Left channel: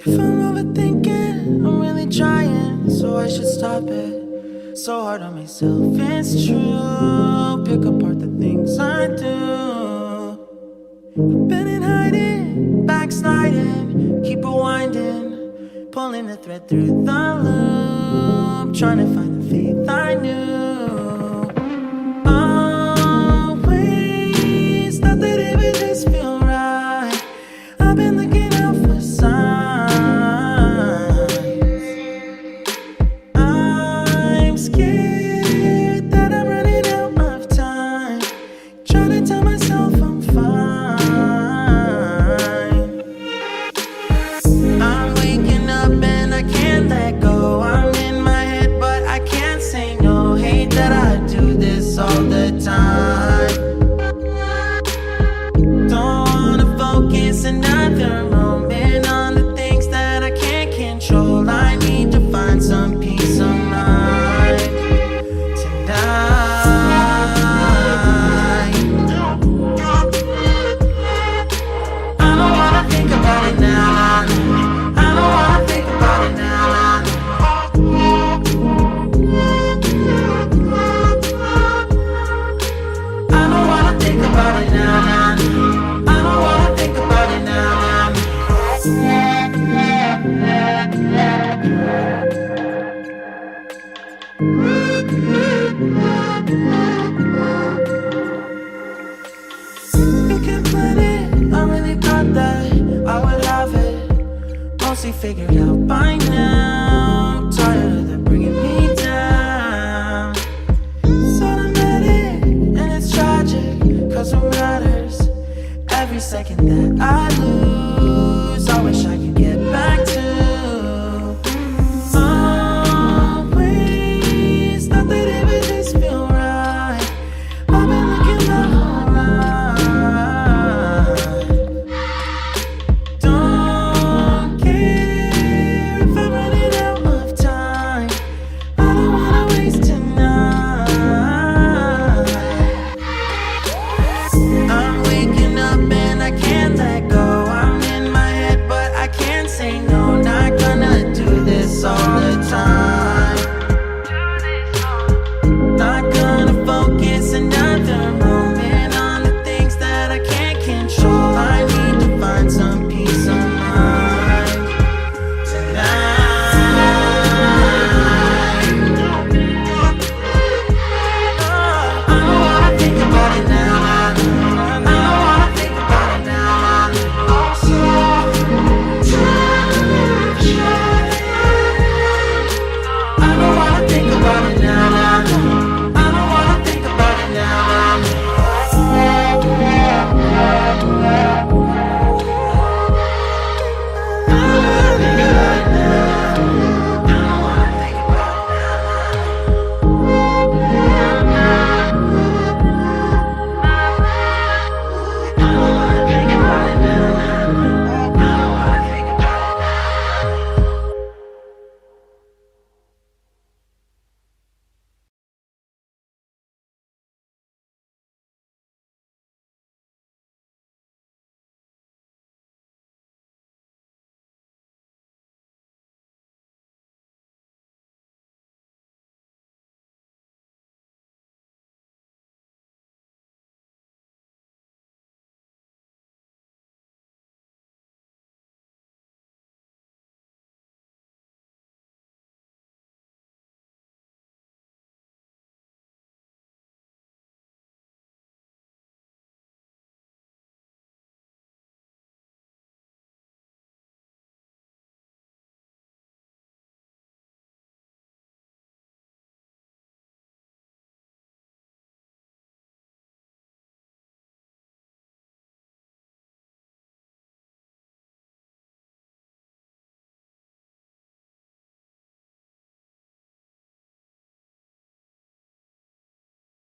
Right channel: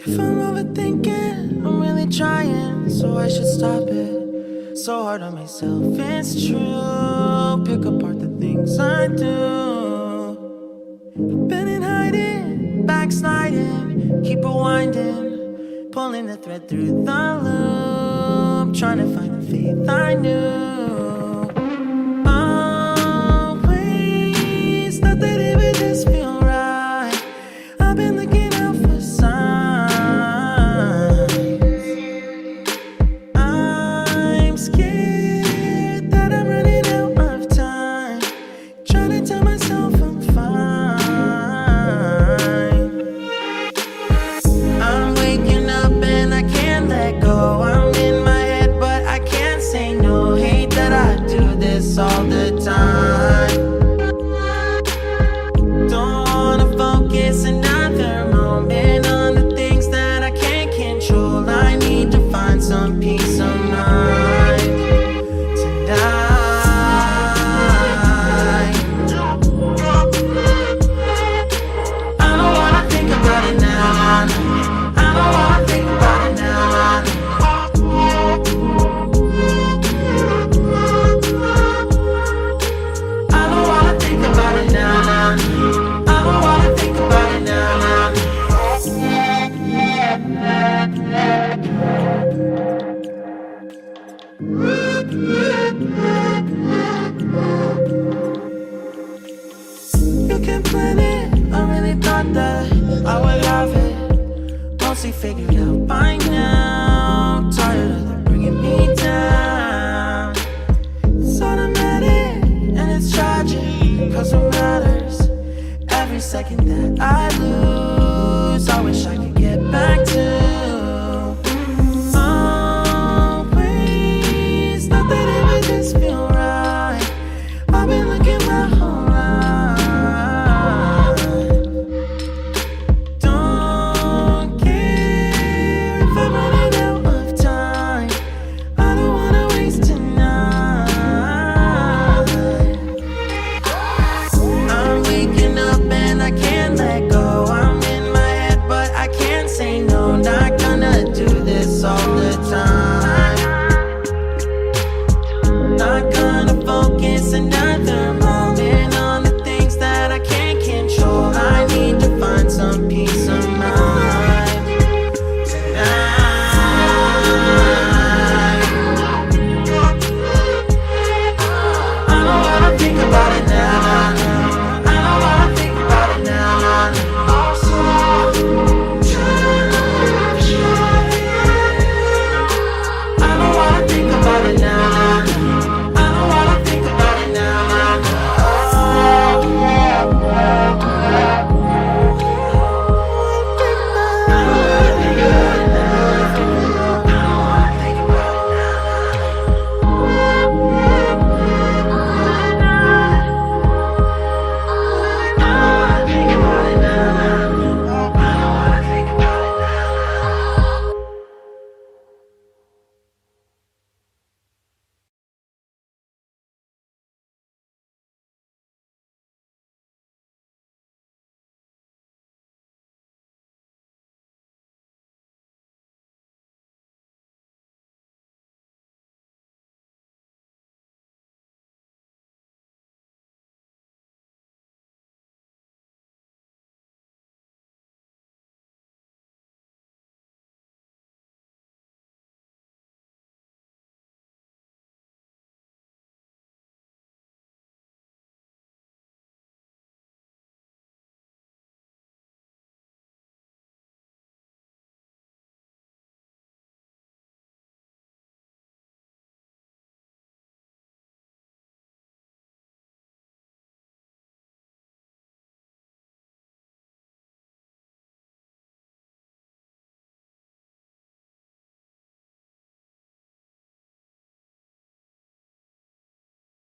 If I'm overthinking, I'm really trying, so I should stop it. So hard on myself, it's true. Pick apart the things I do. I've been in hiding, backsliding, keep rewinding, pulling the thread through the loop, trying to find the faith I knew. Always thought that it would just feel right. I've been looking out for signs. I'm scared that I'm running out of time, trying to tell myself I'm fine. I'm waking up and I can't let go. I'm in my head but I can't say no. Hate that I do this all the time. Don't wanna focus another moment on the things that I can't control. I need to find some peace of mind tonight. I don't wanna think about it now, nah, nah. I don't wanna think about it now, nah, nah. I don't wanna think about it now, nah, nah. I don't wanna think about it now, nah, nah. You can plan it, I really thought that I would have it mostly figured out by now. Tired of them bringing me down. It's automatic and it's tragic, cause what matters every second that I lose.